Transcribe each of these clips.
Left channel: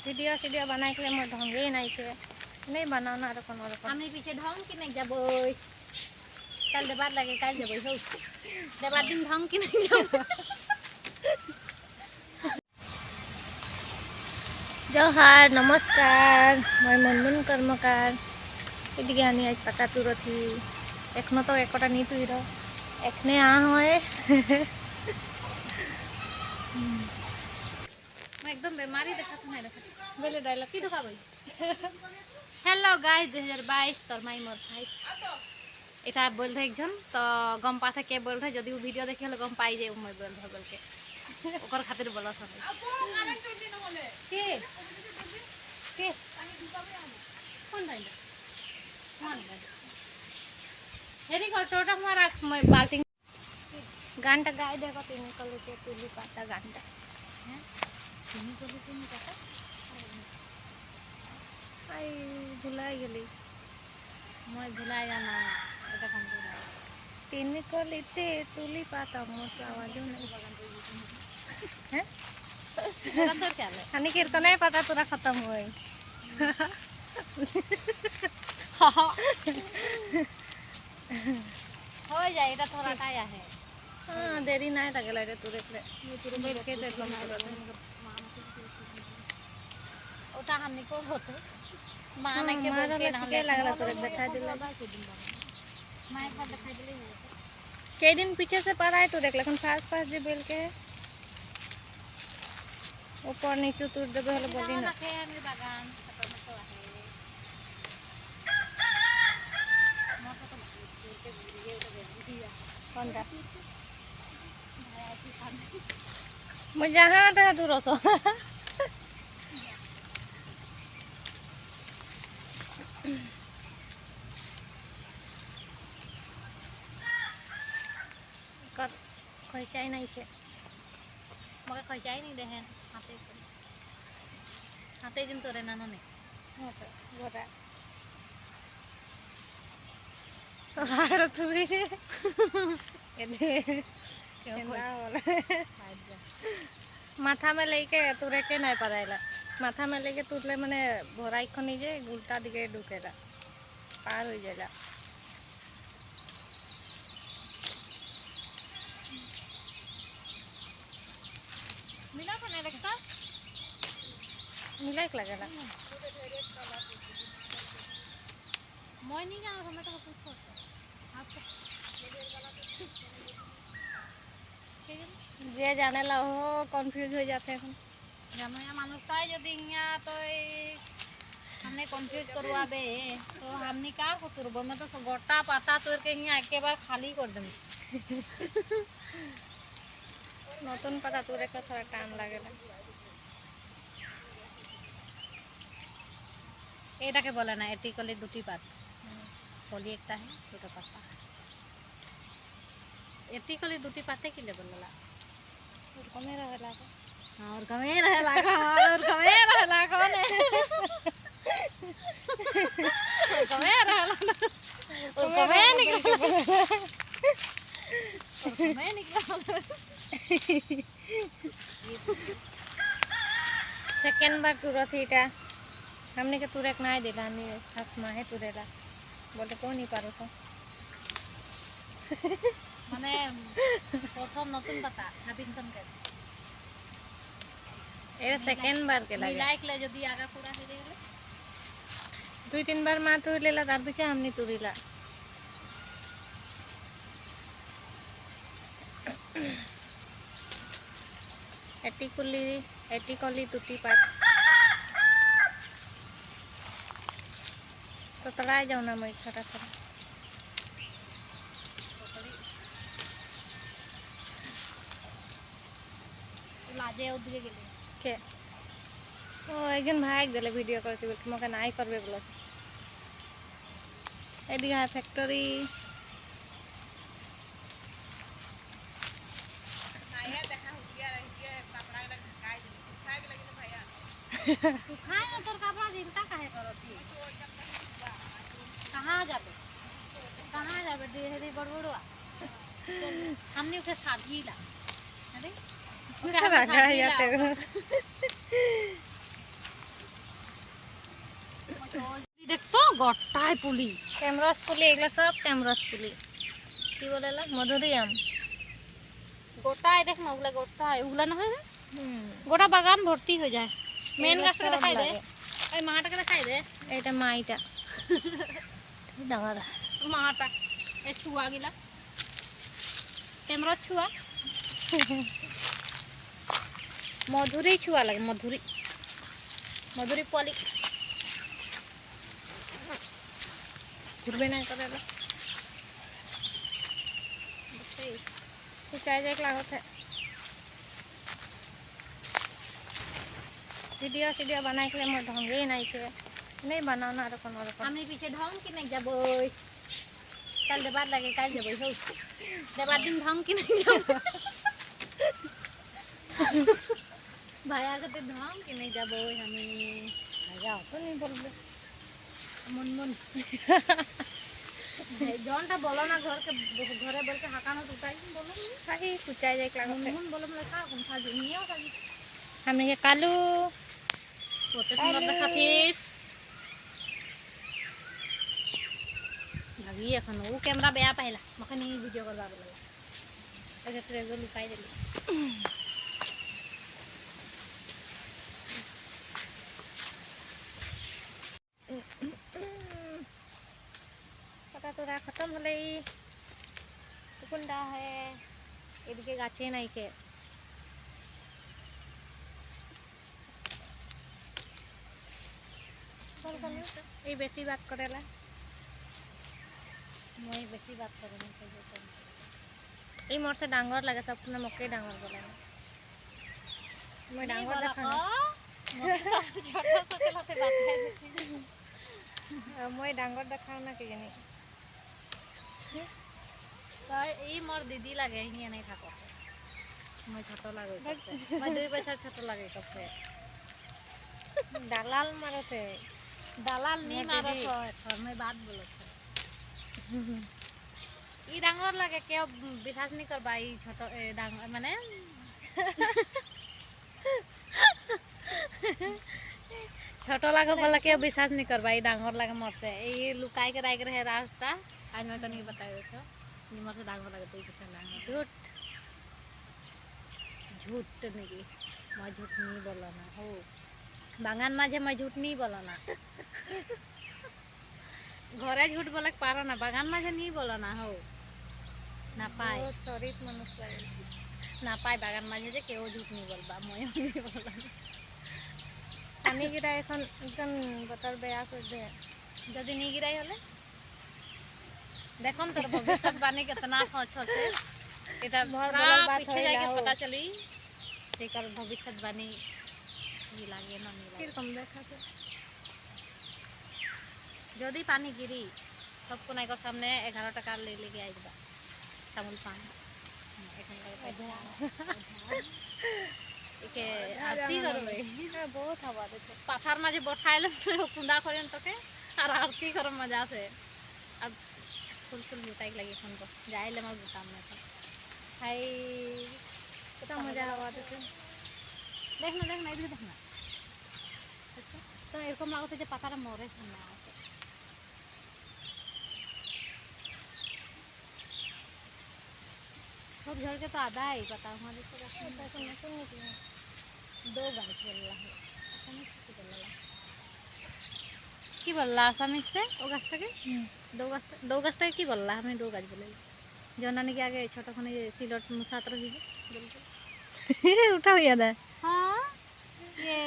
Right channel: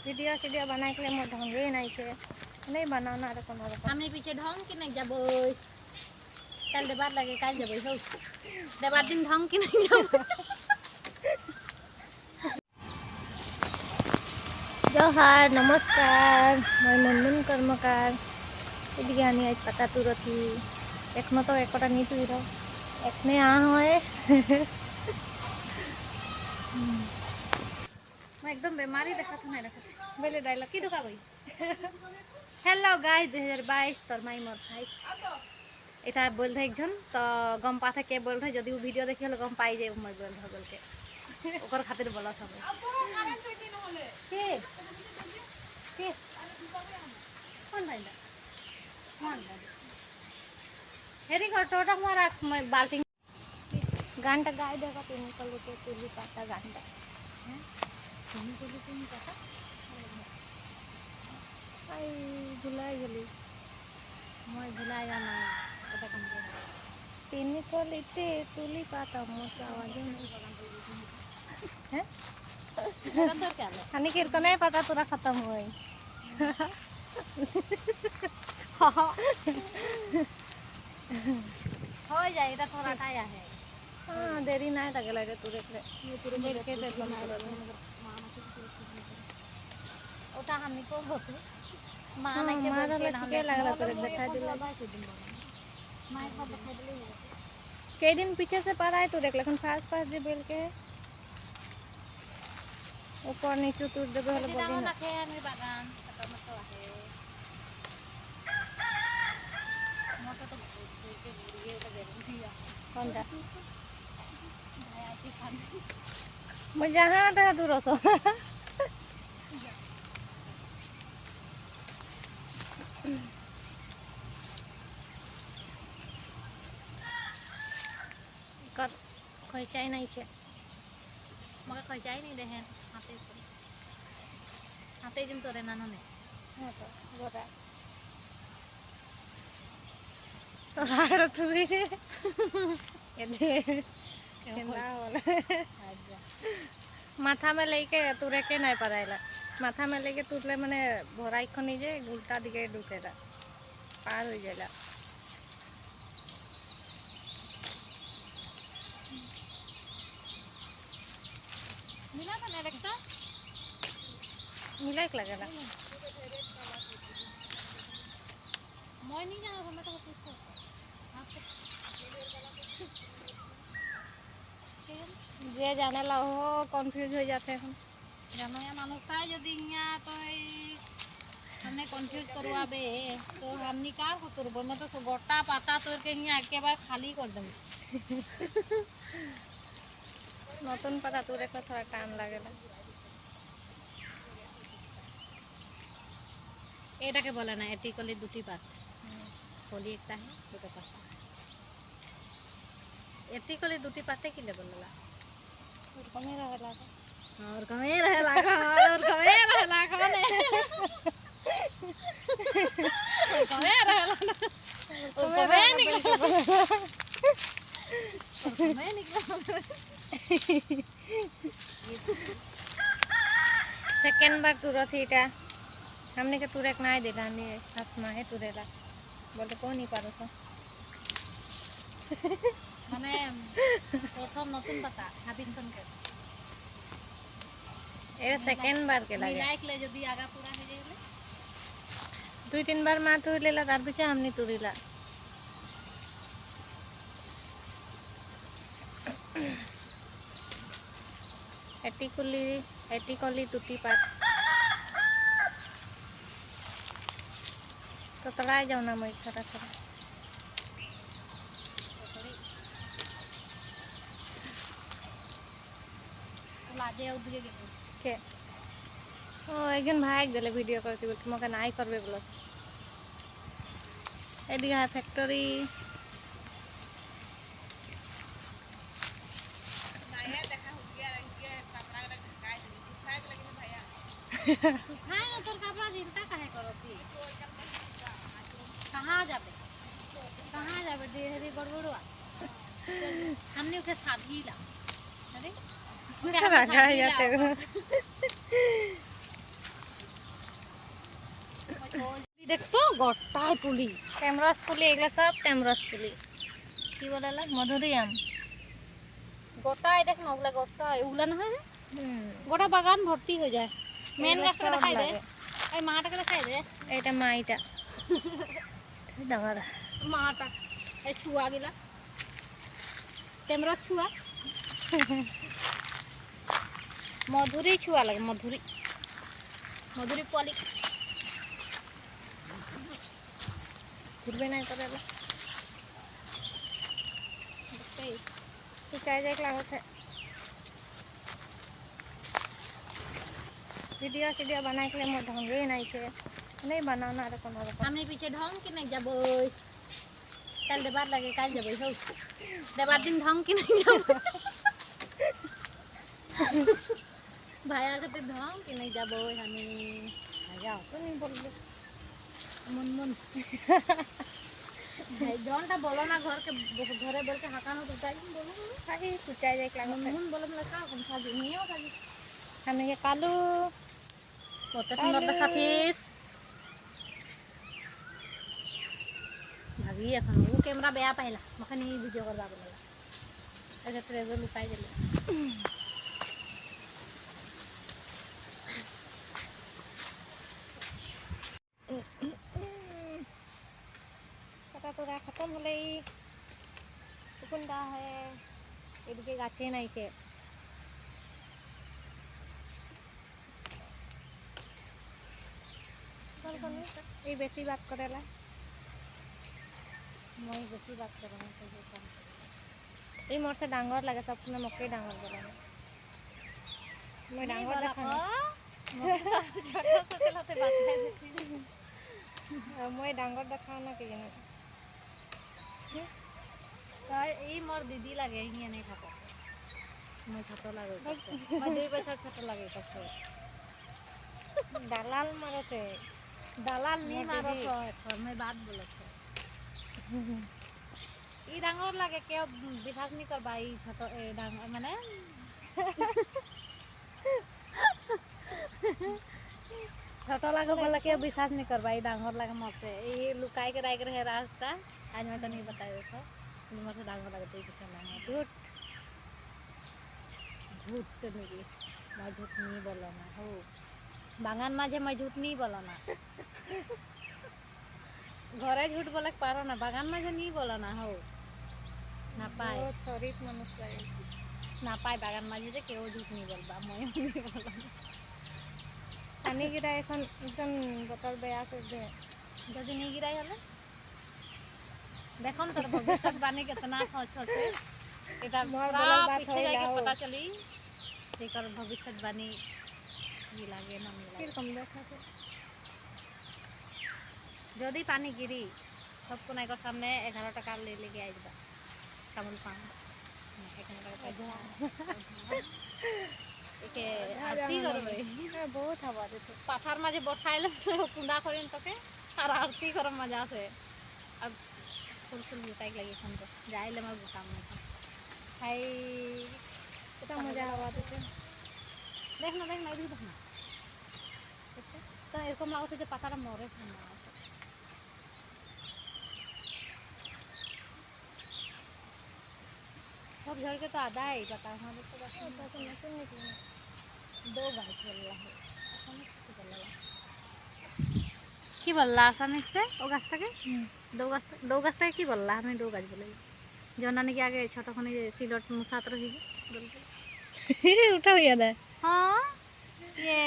Video सीडियो बनाए के मोर ढंगे नहीं के नहीं बनाना रे कोनो रकम हमने पीछे ढंग की नहीं जाबो कल देबार लगे कल जाबो हो देबार दिन ढंग की नहीं जाबो जोहार नमस्कार मैं मनमुन कर्मकार एदिके आनी आज पाता तुरथी एखनो तो एकटा नी तुईर एखने आ होए मैं एकदम बीमारी देखा था नहीं देखा बेले डायलॉग की ढुका भाई हेलो गाइस 2022 তোর মাই মোর সাইজ এটা বল রहे একজন তো গম পাথা কে বল रहे যদি ও ভিডিও দেখি হলে গম পাই যায় মই বল रहे বলকে ওকর খাতির বলা সবাই কে কে কোন ভাইলা কোন ভাই হেরি কটোটা মারা মই বালতি गानटा गाय देखो तीन कलुटे तुली पाता गानटा हैं তুমি বলি তুমি কথা आई भुलाई गेली মই ভুলাই না ওটা কাম করে तीन कलिते तुली पाता मोर आवाज नहीं हैं अंदर क्या है हानि कीर्तन नहीं पता पूरा खत्म हुई हो जाए এটা थोड़ा टाया है हाँ देरी नहीं लगेला रे तुरे के देख के एकदम ওটা হামনি কো হতো মা हाँ, নাকি मारा বলতে लग के लगला तुरे दिखा दिला মা একবার দেখাই দিলেই হয়ে যেত कई दिन पीछे से पर आए तो देख लेकिन पास पास जे बेल के ऊपर नीचे तुर देबे हले बोली ना রাখে আমি বাগান টমেটো আছে মতো তো করতে ঘুরিয়ে ওটা বেরিয়ে দিয়া कौन सा मैं जहाँ था दूर तो कर कोई चाय नहीं के मगे खैसाई नहीं देहन हाथे जिम तोरे नानो ने हाँ तो बोरा तो हाड़ तू भी केला वाला माथा में लेके तुरे के नहीं पड़ाइला माथा में लेके तुरले माने भोराई खनी जे उल्टा दिके ढुकेला पार हो जाला मिला था ना देखता मिलाइक लगेला मैं नहीं जाना था मैं तो पूछो जे जाने ला हो कंफ्यूज हो जाते हैं জামায়া মানুষটাই যদি ইয়া তো हमने कंफ्यूज करवाबे तो हमनी का करबो मैं तो गोटा पाता तोर के इया एक बार खाली कर देबे नतून पता तुरे को थोड़ा टाइम लगेला এটাকে বলে না এটি কলি দুটি পাত কলি একটা है দুটো পাতা এটি কলি দুটি পাতে কি ले बोलला और कमे रहेला और कमे रहेला और कमे रहेला कोने कमे रहेला कमे निकल कमे निकला सेकंड बार तुरत इटा हमने के तुरे के नहीं देला नि हसमा है तुरेला बोले को नहीं पारो सो মানে প্রথম নতুন পাতা 26 সনকে ए सेकंड बार के लगे लाइक ले যদি আগা পুরা হয়ে গেলে दुई तीन बार मा तुर लेला तार पीछे हमनी तुरीला एटी कली तुटी पात तो तड़ाई जाओ ना मैं थोड़ा थोड़ा লাজে ওদিকে গেল के ओ एकजन भाग देले वीडियो करके बोल मके नाई करबे बोल एदिके है फैक्ट्री सुखाए ना तोर कपड़ा चिंता काहे करती कहां जाबे देहरी गड़बड़वा हमने के शादी ला अरे रखा जाते দেখতো গোটায় পুলি। টেমরস পুলি, এগুলো সব টেমরস পুলি। কি বলে এগুলো? মধুরিয়াম। গোটায় দেখ না, ওগুলা গোটায়, ওগুলা না হয় গোটা বাগান ভর্তি হয়ে যায়। মেন এগুলো গাছটা সব দেখাই দে, লাগে। ওই মাটাকে দেখাই দে, এটা মাইটা ডাঙর। মাটা এই ছুয়া গিলা টেমরস ছুয়া, মধুরি ছুয়া লাগে, মধুরি মধুরি পোয়ালি ঘুরবে না করে এগুলো। দেখতেই। तो चाहिए लागत है। वीडियो सीडियो बनाए के लिए मोर ढंगे नहीं के नहीं बनाना रकम रकम। আমি পিছে ঢং কি নাই যাব, কাল দেবার লাগে, কাল যাব সব দেবার দিন ঢং কি নাই যাব, ভাইয়া কাছে ঢং কি নাই যাব আমি। जाओ तो नहीं बोल दे। মন মন ভাই জনটা বলো না, ঘরে বলকে হাঁকানো তো তাই বলো। अरे तू चाहिए लागत মন है। মন বলো মানে কা কোন সাজি নিয়েও সাজি हमने ये कालू কত সুন্দর দেখাতিস। ভাবি এখন ও ক্যামেরা বেয়া পাইলা, মাকে নিয়ে ভিডিও করবা বললা, আগে ট্রেজার লুকাই দিলি। पता तो रहा खत्म हो गई। कुंडा है এদিকে গাছে নাই কে। বল কোন এই বেশি বাত করেলা। মই বেশি বাত করো না তো কম। এই মোর से डांगर लगे सब ने मके डांगर बोले ना। मैं डांगर देखा ना। छोटा सा चलाते बात है। मैं डांगर देखा ना के जानी। তাই এই মোর দিদি লাগে হিয়া নাই থাকো, মই ছোট লাগে, মই 2 বছর ছোট লাগে কপে। দালাল মারতে দালাল নি মোর মারো দিদি। তো এখন মই বাত বলছে ই ডাঙর লাগে, কেউ বিশ্বাস নি করবা এই ছোট ডাঙর মানে ছোট লাগে বলে কেউ বিশ্বাস নি करबा, ई डांगर लगे मरते ई लुकाई के राख रहे रास्ता। आज मैं तनी बताई था ई मर से डांगर लगे तो कुछ ना झूठ झूठ नहीं, मैं झूठ नहीं बोला ना हो बागान माझे, मैं झूठ नहीं बोला ना घरे झूठ बोले पारो ना, बागान माझे नहीं बोला ना हो ना पाए, बहुत शरीफ मनुष्य लगे। ना पाए बागान माझे जे केउ झूठ नहीं बोलबा, मैं नहीं बोला पानी गिरा এখন একদম বতর বেয়া করে দে। যদি नहीं गिराई হলে দেখম তোর ভবিষ্যৎ বাণী कितना सोच আছে, এটা मोर बोलल बात पीछे होइला जाके हो। पता चली एकर भविष्यत बाणी কি লাগে না নি লাগে। কিরকম দেখাতে যদি পানি গিরি सबको नाइकर सामने 11 টাকা ले लेके आई दिबा चावल पान এখানে একে আরতি করবে। বহুত हवा देते। পাথার মাঝে বসাইলাম তো কুঁডা করেন তোকে আর আরতি করার মজা আছে। আর ফুল ফুল লুটাই লাগে এখন তো যাইলে আমার বুতাম না খাই कितना मजा हवा देते। দেখ না এদিকে দেখ না, তো এরকম লাগছে যে পাতাটা মরে না। सब घर के तो आधा ही जाता है, हमारे तो दो गाछ बोलला है কি বললা আসামিস से ও গাছটাকে দো গাছটাকে কি বললা, আমি দো গাছ বলে জনা নাকি আগে ছোটখানে যে সিলট মুসাত রহিবে বলতে उठा हुआ था। हाँ ये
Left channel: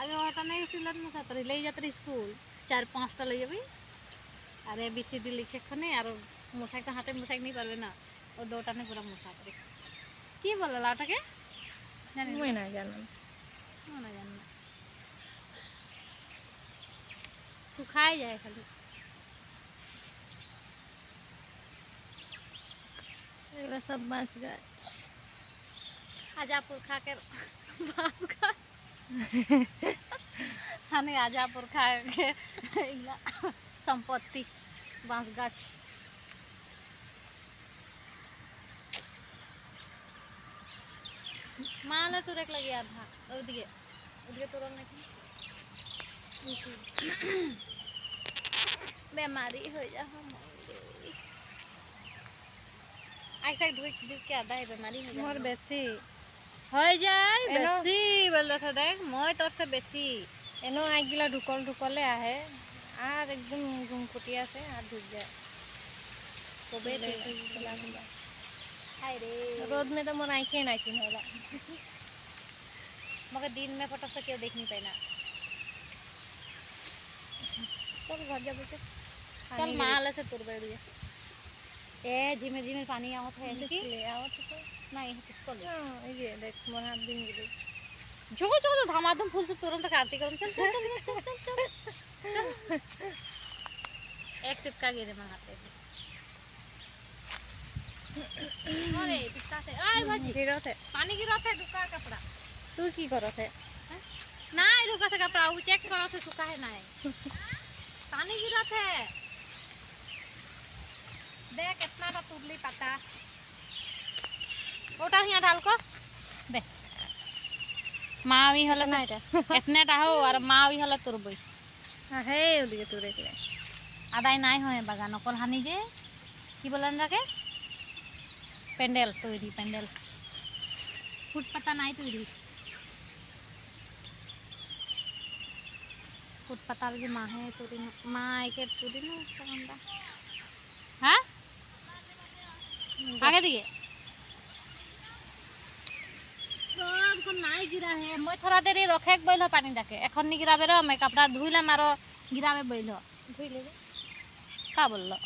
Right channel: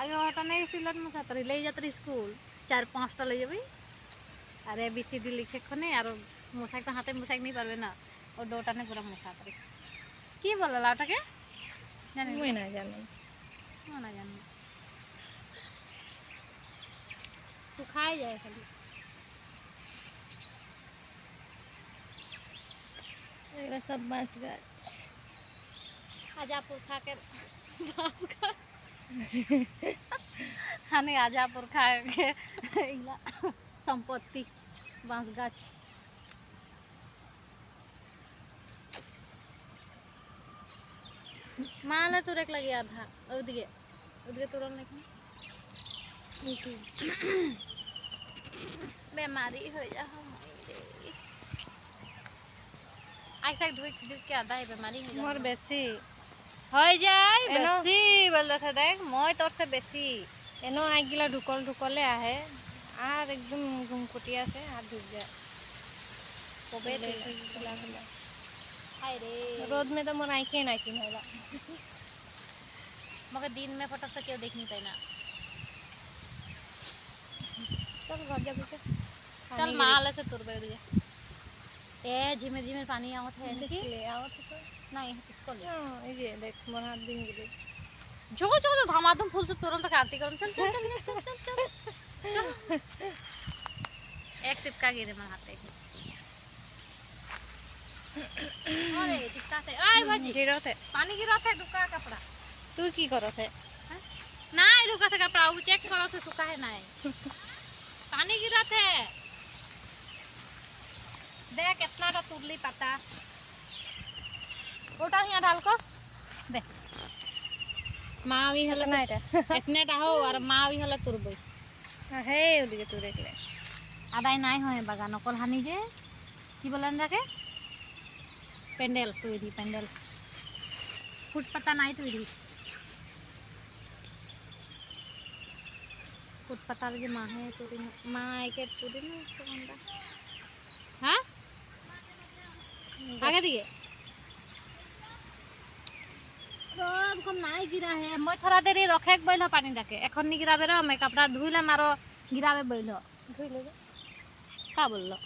आगे ওটা নাই সিলট মুসাত রহি লই যাত্রা স্কুল 4-5টা লই যাবি আর এবিসিডি লিখে খনে আর মুসাক তো হাতে মুসাক नहीं পারবে না ও ডোটা নে পুরো মুসাত রহি কি বললা ওটাকে জানি मैं ना जानम। না জানি না सुखाई जाए खाली एगला सब बांस गाछ। आजापुर खा के बांस खा हाने आजापुर खा के इला संपत्ति बांस गाछ माला तुरक लगी आधा ओदिके ओदिके तुरन नहीं বেমাৰী হৈ যাওঁ আইসাক ধুই ধুইকে আদায় বেমাৰী হৈ মোর যাওঁ বেশি হৈ যায় এনো। বেছি বলে থা দেখ মই তোরছে বেশি এনো আইগিলা ঢুকলে আহে আর একদম ঘুমকুটি আছে আর ঢুক যায় কবে खुला खुला हाय रे रोद में तो मोर आँखें ना चिन्ह होला मगर दिन में फटक से क्यों देख नहीं पाए ना चल घर जा बेटा चल माले से तुर बैठ जा ए झिमिर झिमिर पानी आवत है इनकी ले आओ तो नहीं किसको ले हां ये देख मोर हाथ दिन गिरे जो जो जो धमाधम फूल से तुरंत आरती करम चल चल चल चल चल चल एक टिपका गिरे मेरे हाथ पे अरे टिपका से आय भाजी गिरत है पानी गिरा था डुका कपड़ा तू की करत है ना डुका था कपड़ा वो चेक करो तो सूखा है ना पानी गिरा थे देख कितना टा तुरली पता उठा यहाँ डाल को दे मावी हले ना এটা इतने टा हो और मावी हले तुरबई হে ওদিকে তুই দেখলে আদায় নাই হয় বাগান অকল হানি যে কি বলেন রাখে প্যান্ডেল তৈরি প্যান্ডেল ফুট পাতা নাই তৈরি ফুট পাতার যে মাহে তৈরি মাইকে তৈরি না কোনটা হ্যাঁ আগে দিকে সব কোন নাই গিরা হে মই থরা দেরি রখেক বইল পানি ডাকে এখন নি গিরাবে রে মে কাপড়া ধুইলে মারো গিরাবে বইল ধুই ले কা বললো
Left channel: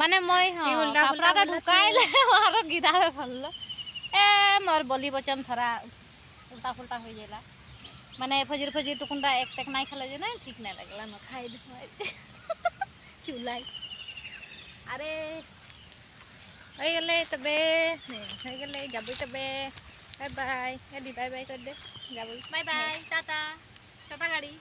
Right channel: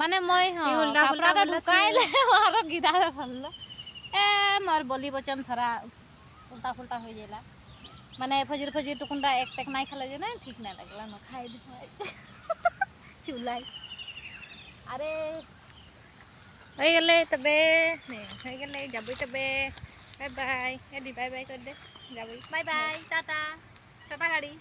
মানে মই এই উল্টা পুল্টা কাপড়াটা বললো ঢুকাইলে মারো গিরাবে বললো এ মোর বলি বচন থরা উল্টা ফুলটা হয়ে যাইলা মানে ফজির ফজির টুকুনটা এক টেক নাই খেলে যে না ঠিক নাই লাগলা না খাই দিতে চুলাই আরে হয়ে গেলে তবে হয়ে গেলে যাবই তবে বাই বাই এদি বাই বাই করে দে যাবই বাই বাই টাটা টাটা গাড়ি